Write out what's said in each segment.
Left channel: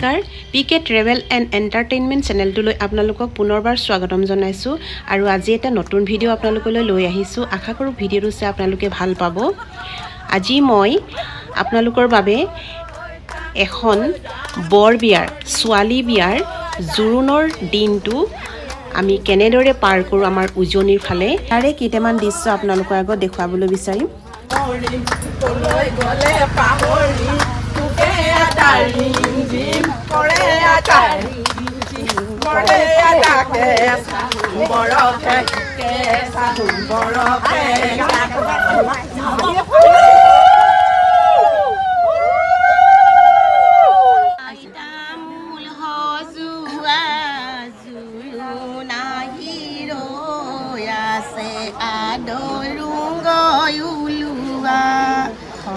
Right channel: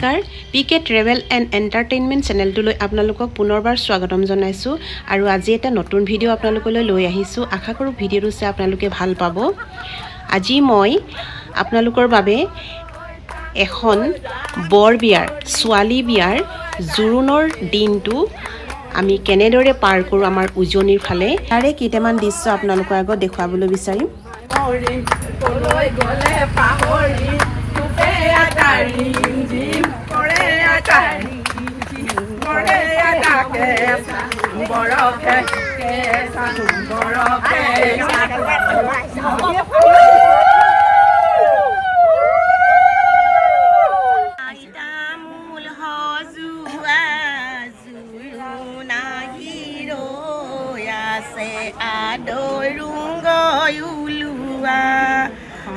নমস্কাৰ পিকে travel and entertainment চেনেলটোলৈ আপোনালোকক পুনৰবাৰ স্বাগতম জনাইছোঁ আৰু আজি এটা নতুন ভিডিঅ' আপোনালোকলৈ লৈ আহিছোঁ। আশা কৰোঁ ভিডিঅ'টো চাই আপোনালোকে ভাল পাব। আজি মই আপোনালোকৰ বাবে এখন বৰ বিয়াৰ ছোৱালী বিয়াৰ জোৰোণৰ দিনটো আমি কেনেদৰে পাৰ কৰোঁ আমাৰ উজনিৰ ফালে তাৰে কেইটামান দৃশ্য আপোনালোকৰ আগত দেখুৱাবলৈ বিচাৰিম।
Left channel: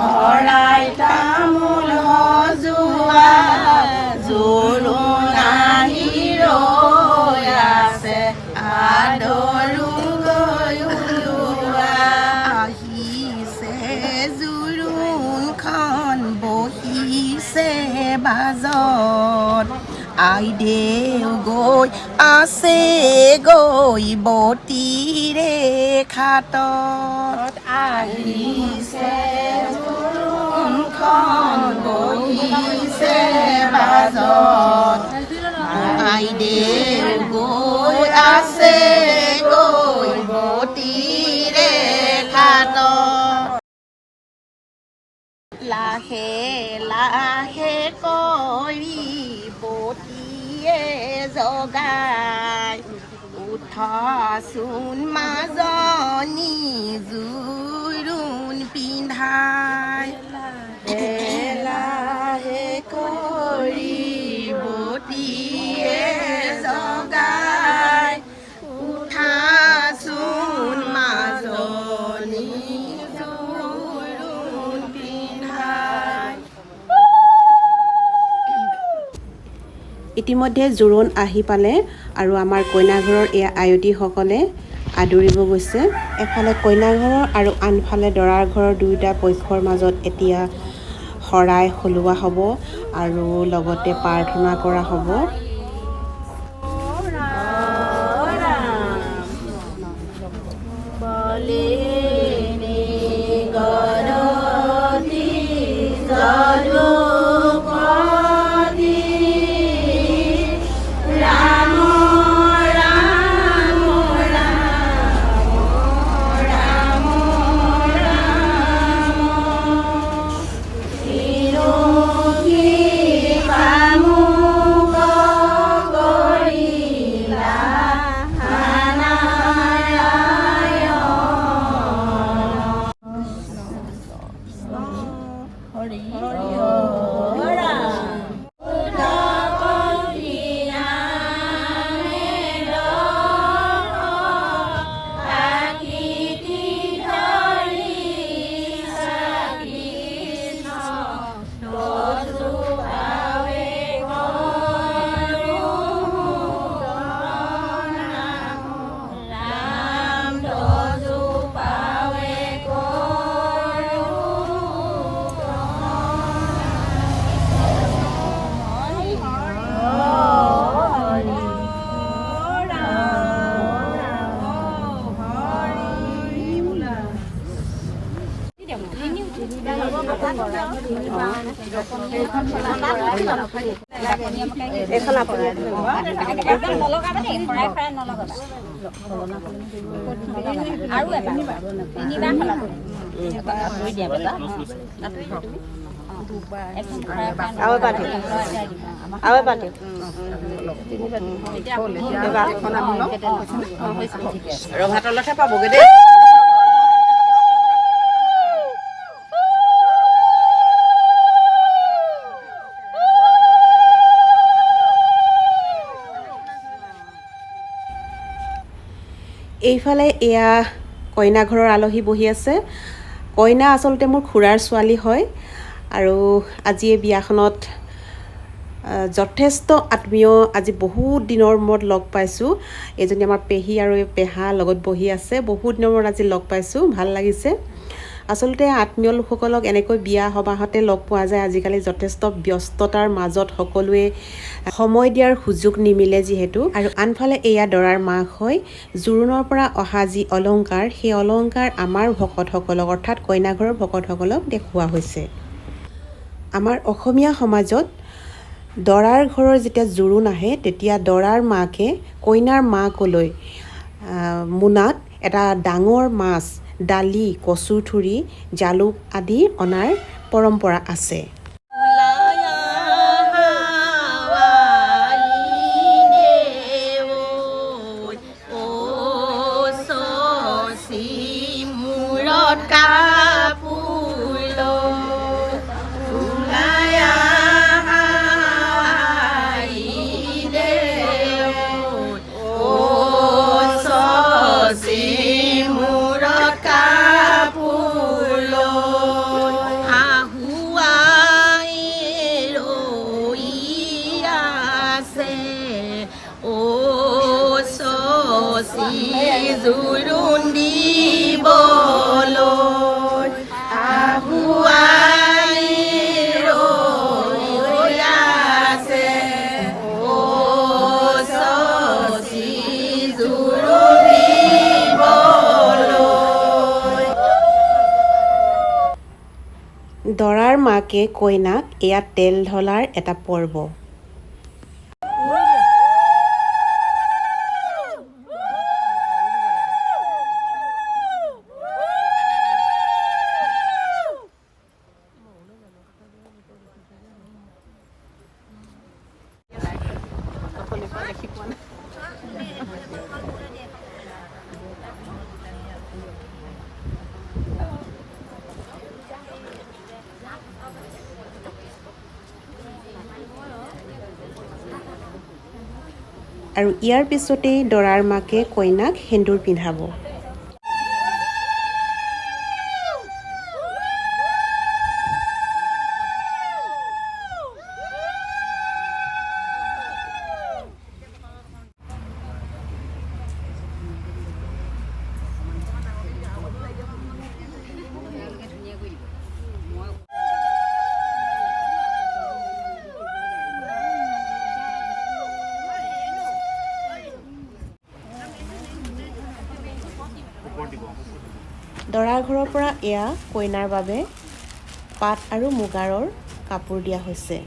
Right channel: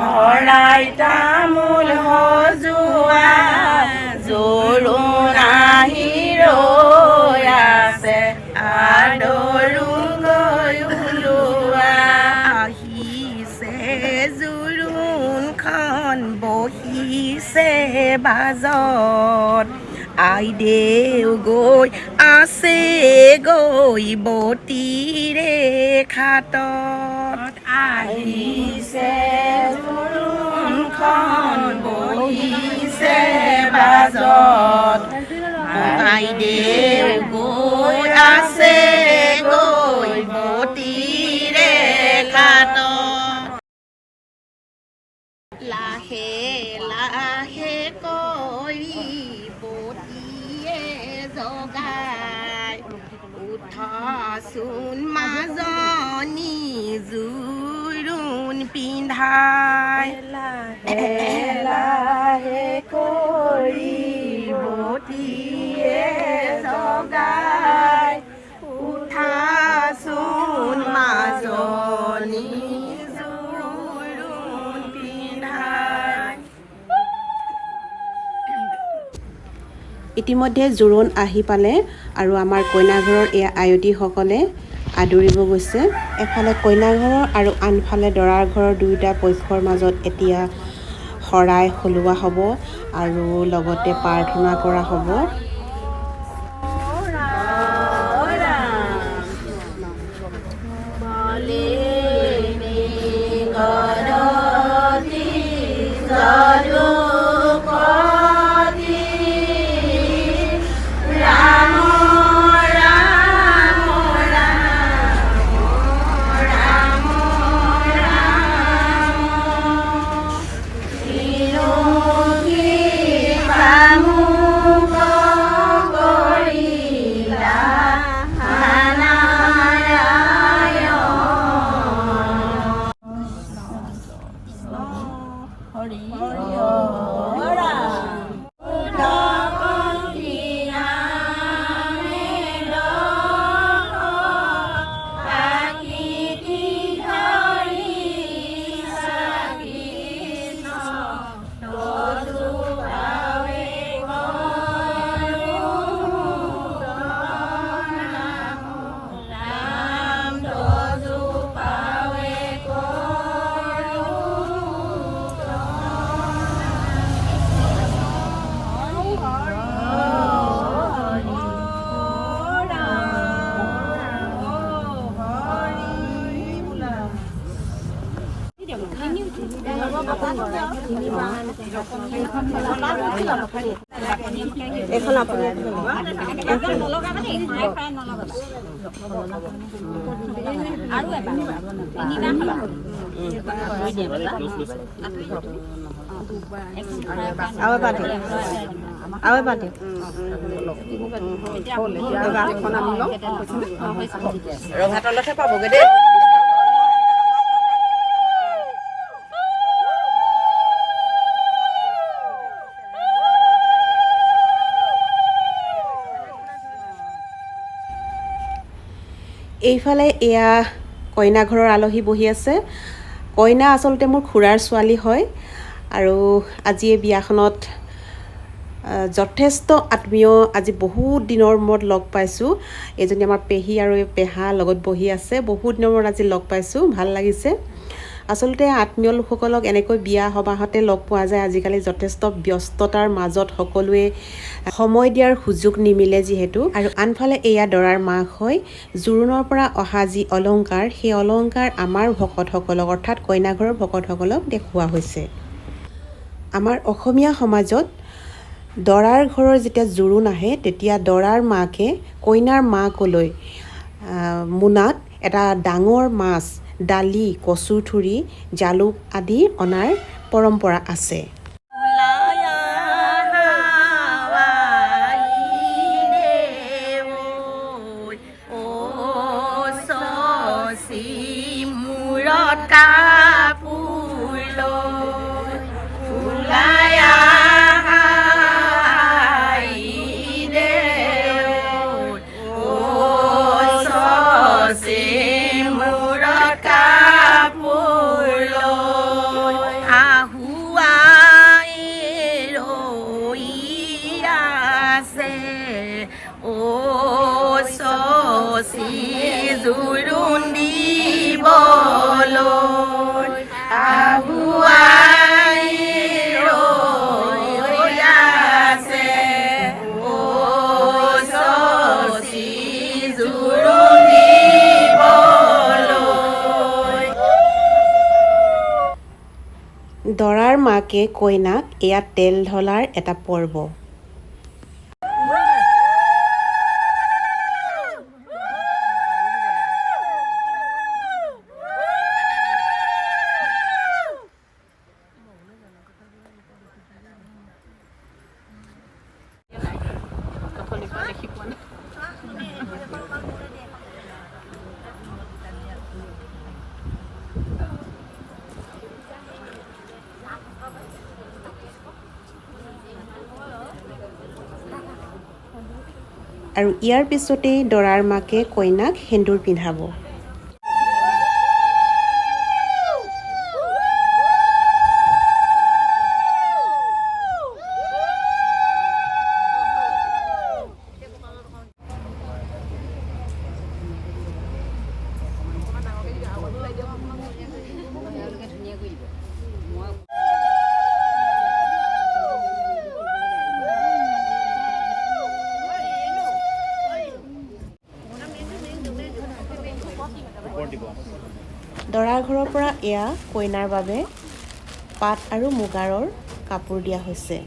Horai tamul hozua zuruna hiroya se adorungo yulua ahise zurun khan bohise bazot আইদেউ গৈ আছে গৈ বতীৰে খাটত আহিছে জোৰোণখন বহিছে বাজত আইদেউ গৈ আছে গৈ বতীৰে খাটত লাহে লাহে কৰি বতীয়ে জগাই উঠাচোন মাজনী জোৰোণ পিন্ধাই লাহে লাহে কৰি বতীয়ে জগাই উঠাচোন মাজনী জোৰোণ পিন্ধাই। ইতিমধ্যে জোৰোণ আহি পালে আৰু আমাৰ কইনাঘৰৰ এয়া আয়তীসকলে আদৰিব গৈছে। এফালে কইনাঘৰৰ আৰু আনফালে দৰাৰ ঘৰৰ দুয়োটা পক্ষৰ মাজত এতিয়া শৰাই সলোৱা হ'ব আৰু লগতে প্ৰাৰ্থনা কৰা হ'ব। এইফালে এয়া কইনা ঘৰৰ আলহী বহি আছে। কইনা আচলতে মোৰ খুৰাৰ ছোৱালী হয় আৰু আজি এই বিয়াখনত যথেষ্ট আত্মীয় আজি বহুত দিনৰ মূৰত লগ পাইছোঁ। এজনী আমাৰ পেহী আৰু পেহা লগত বহি আছে। বহুত দিনৰ মূৰত আজি লগ পাইছোঁ, ভাল লাগিছে। আচলতে আত্মীয় লোকসকলক এনেকৈ বিয়া সবাহতে লগ পোৱা যায়। আজিকালি যথেষ্ট ব্যস্ততাৰ মাজত সকলোৱে সময় দিয়াৰ সুযোগ নিমিলে যিহেতু। আৰু আনফালে এয়া দৰাৰ মাক হয়। জোৰোণৰ পৰা অহা যি অলংকাৰ, সেই অলংকাৰ আমাৰ ভকতসকলক অৰ্থাৎ কইনাঘৰৰ ভকতসকলক দেখুওৱা হৈছে। আমাৰ অসমীয়া সমাজত দৰাৰ ঘৰৰ যেতিয়া জোৰোণ আহে তেতিয়া দৰাৰ মাকে কইনাৰ মাকলৈ মোনাত এটা ডাঙৰ মাছ, দালি, কচুথুৰি, জালুক আদি অনাৰ পৰম্পৰা আছে। জোৰোণ দিবলৈ আহুৱাই ৰৈ আছে চচি জোৰোণ দিবলৈ। দৰাৰ মাকে কইনাক এয়া তেল ঢলাৰ এটা পৰ্ব। আৰু ইয়াৰ পিছতেই দৰাৰ মাকে কইনাক সেন্দুৰ পিন্ধাব। দৰাৰ ঘৰৰ পৰা এয়া কইনাৰ বাবে পাট আৰু মুগাৰৰ কাপোৰ দিয়া হৈছে।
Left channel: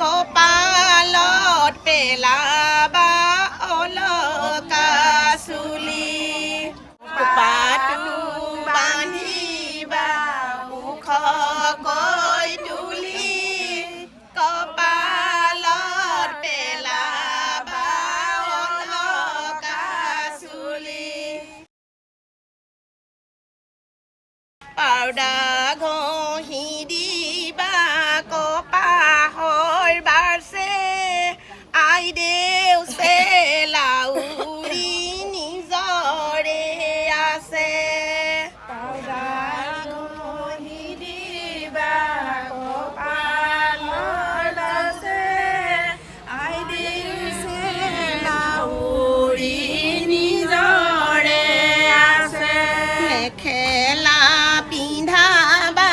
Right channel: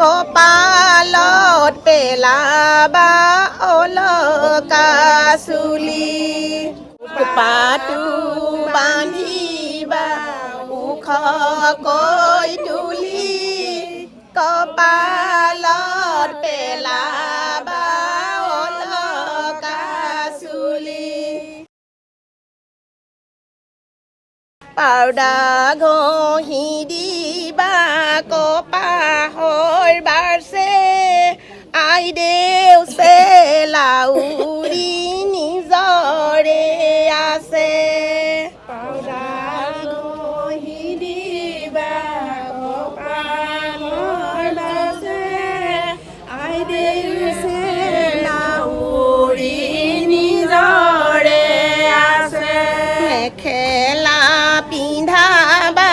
কপালত পেলাবা অলকা চুলি পাতো বান্ধিবা মুখ কৈ তুলি কপালত পেলাবা অলকা চুলি পাউডা ঘঁহি দিবা কপাহৰ বাৰছে আই দেউছে লাউৰি নিজৰে আছে পাউডা ঘঁহি দিবা কপাহৰ বাৰছে আই দেউছে লাউৰি নিজৰে আছে মেখেলা পিন্ধাবা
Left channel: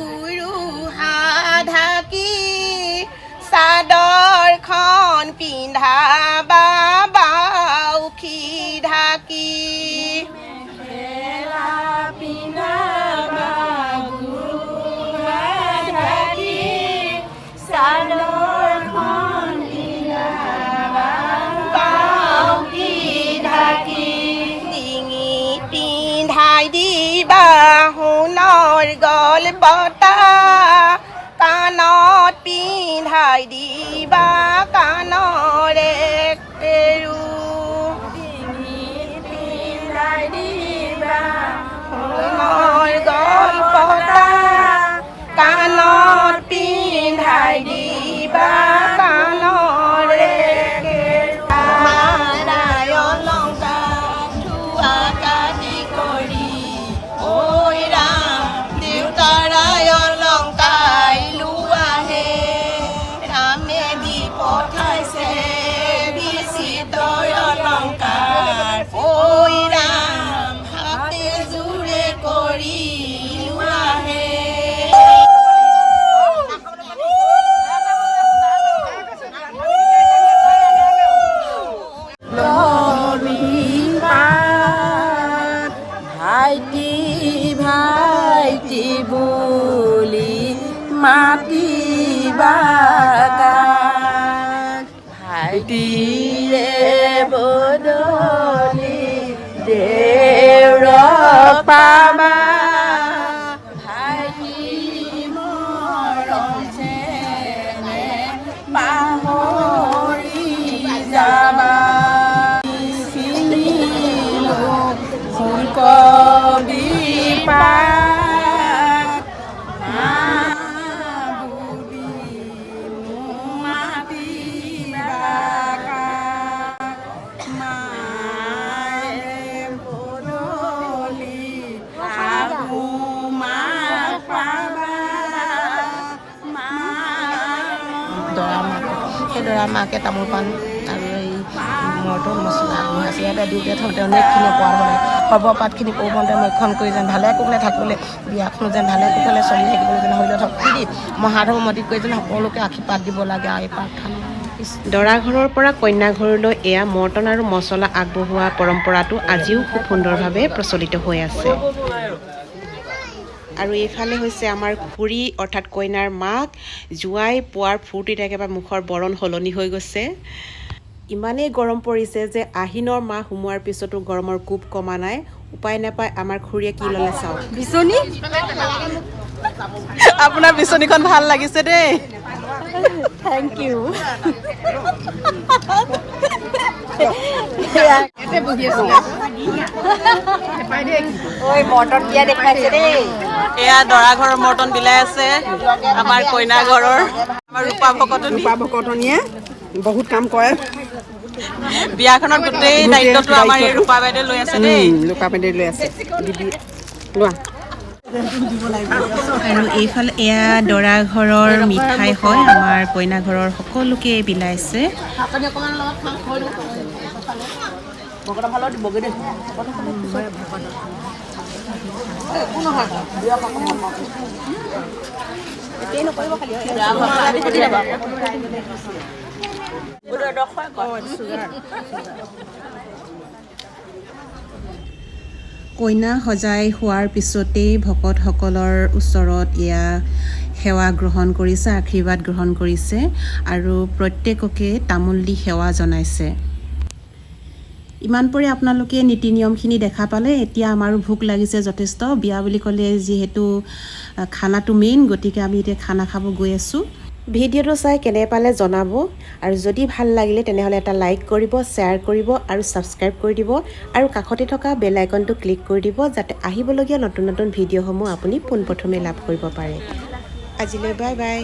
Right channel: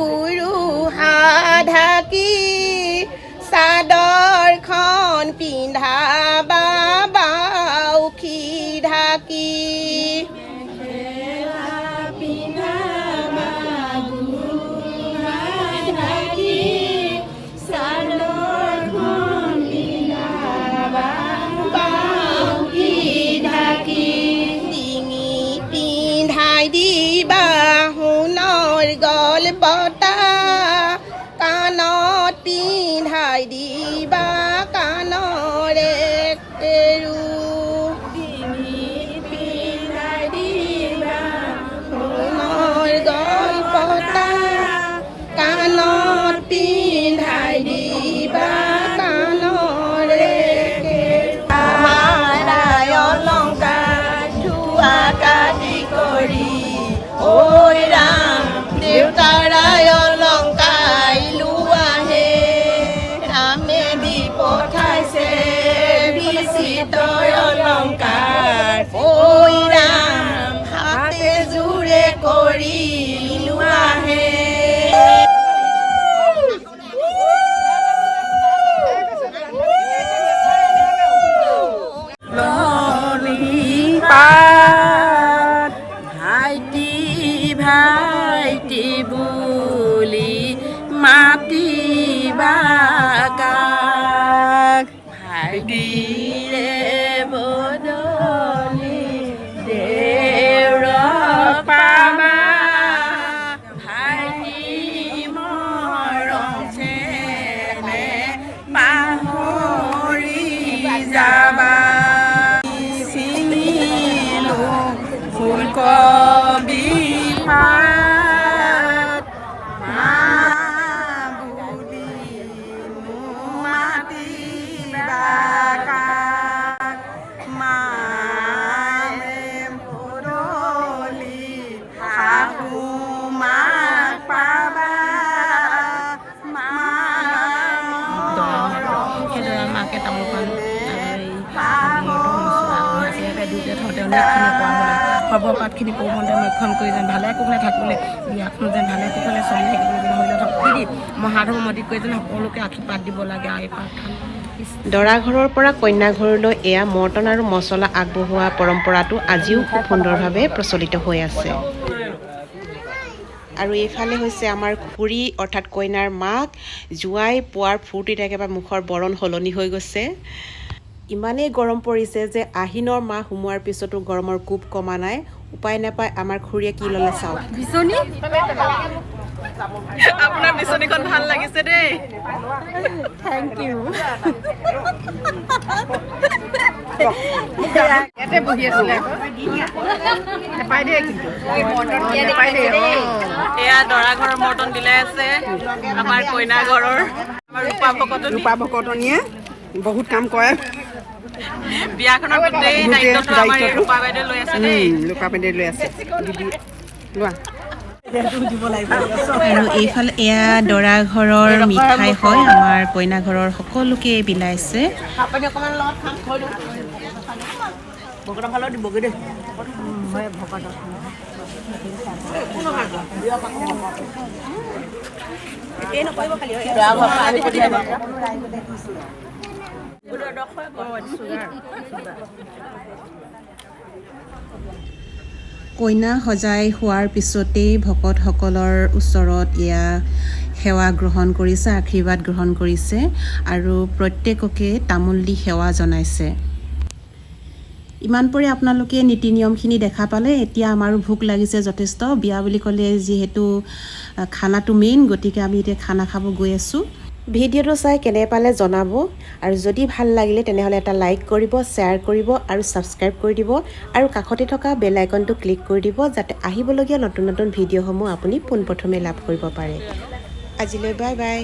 গুৰু হাঢাকি চাদৰখন পিন্ধাবা বাউখি ঢাকি মেখেলা পিন্ধাবা পতা কাণত পিন্ধাই দিবা কাণৰে কেৰু ডিঙিত পিন্ধাই দিবা সোণৰ গলপতা কাণত পিন্ধাই দিবা কাণৰে কেৰু মাৰাই অলংকাৰ ধোৱা কাটি কৰি ঐ ৰাম দেউতাৰাই অলংকাৰ লোৱাহে ৰামে দি পঠাইছে বিচিত্ৰ অলংকাৰ ঐ ৰাম হাতে জোৰে কৰি লোৱাহে ভাইটি ভাইটি বুলি মাতিবা কাক ভাইটিৰে বদলি দেউৰ পাবা ভাইটি মৰম চেনে পাহৰি যাবা ফুলকবি পাত মা বুলি মাতিবা কাক মাৰে বদলি শাহু মাক পাবা মাকে তামোল পাণ খবৰ পাতখিনি পৰ্বতে মক্ষণ কৰি যেন ভালে কুশলে থাকিলে বিয়াখনো যেন ভালে কুশলে চলি থাকিবলৈ যেন শৰীৰত শক্তি দি মহাধৰ্মমতি কৰি যেন সকলোকে আশীৰ্বাদ দিব লাগে আৰু এই প্ৰাৰ্থনা দৰা ঘৰৰ পৰা কন্যা ঘৰলৈ এয়া মৰ্টন আৰু মছলা আগবঢ়োৱা পৰম্পৰাটো আজিও খুব সুন্দৰভাৱে প্ৰচলিত হৈ আছে আৰু এইফালে হৈছে আমাৰ খুৰী অৰ্থাৎ কইনাৰ মাক জোৱাই পোৱাৰ ফূৰ্তিত একেবাৰে মুখৰ বৰণ সলনি হৈ গৈছে ইমানেই গৰম পৰিছে যে আহিনৰ মাহ সোমোৱাৰ পিছতো গৰমৰ কোব কমা নাই উপায় নাপায় আমাৰ খুৰীয়ে কি ল'লে চাওক বিচনী আপোনাৰ বিচনীখন ভাল লাগিছে দেই থেংক ইউ ইয়াতে বহি আছো এয়া দৰা ঘৰৰ মৰ্টন বিলাই আছে আমাৰ কইনা ঘৰৰ আমাৰ ৰূপা ভকতনীয়ে বহুত কাম কৰে বিয়াখনত গোটেই দায়িত্বটো আমাৰ এই ৰূপা বাইদেউ লৈ আছে দেই ৰূপা বাইদেউ লৈ আছে লোৱা আৰু এইফালে এয়া দৰা ঘৰৰ মিঠাই হয় আমাৰ কইনা ঘৰৰ সকলোকে বিলাইছে কইনা সজাই হোৱাৰ পিছতেই ভকতসকলৰ ওচৰত এয়া সেৱা গ্ৰহণ কৰিছে আশীৰ্বাদ গ্ৰহণ কৰিছে আৰু প্ৰত্যেককে তামোল দি সেৱা জনাইছে ইমান পৰে আপোনালোকে নীতি নিয়মখিনি দেখা পালে এতিয়া আমাৰো ভোক লাগিছে যথেষ্ট বিয়া বুলি ক'লে যিহেতু খানাটো মেইন গতিকে আমি এতিয়া খানা খাব গৈ আছোঁ ভিডিঅ'টো চাই কেনে পালে জনাব আৰু যদি ভাল লাগিলে তেনেহ'লে এটা লাইক কৰিব শ্বেয়াৰ কৰিব আৰু ছাবস্ক্ৰাইব কৰি দিব আৰু কাষতে থকা বেল আইকনটো ক্লিক কৰি দিব যাতে আহিবলগীয়া নতুন নতুন ভিডিঅ'সমূহ আপুনি পোনপ্ৰথমে লাভ কৰিব পাৰে আজিলৈ বাই বাই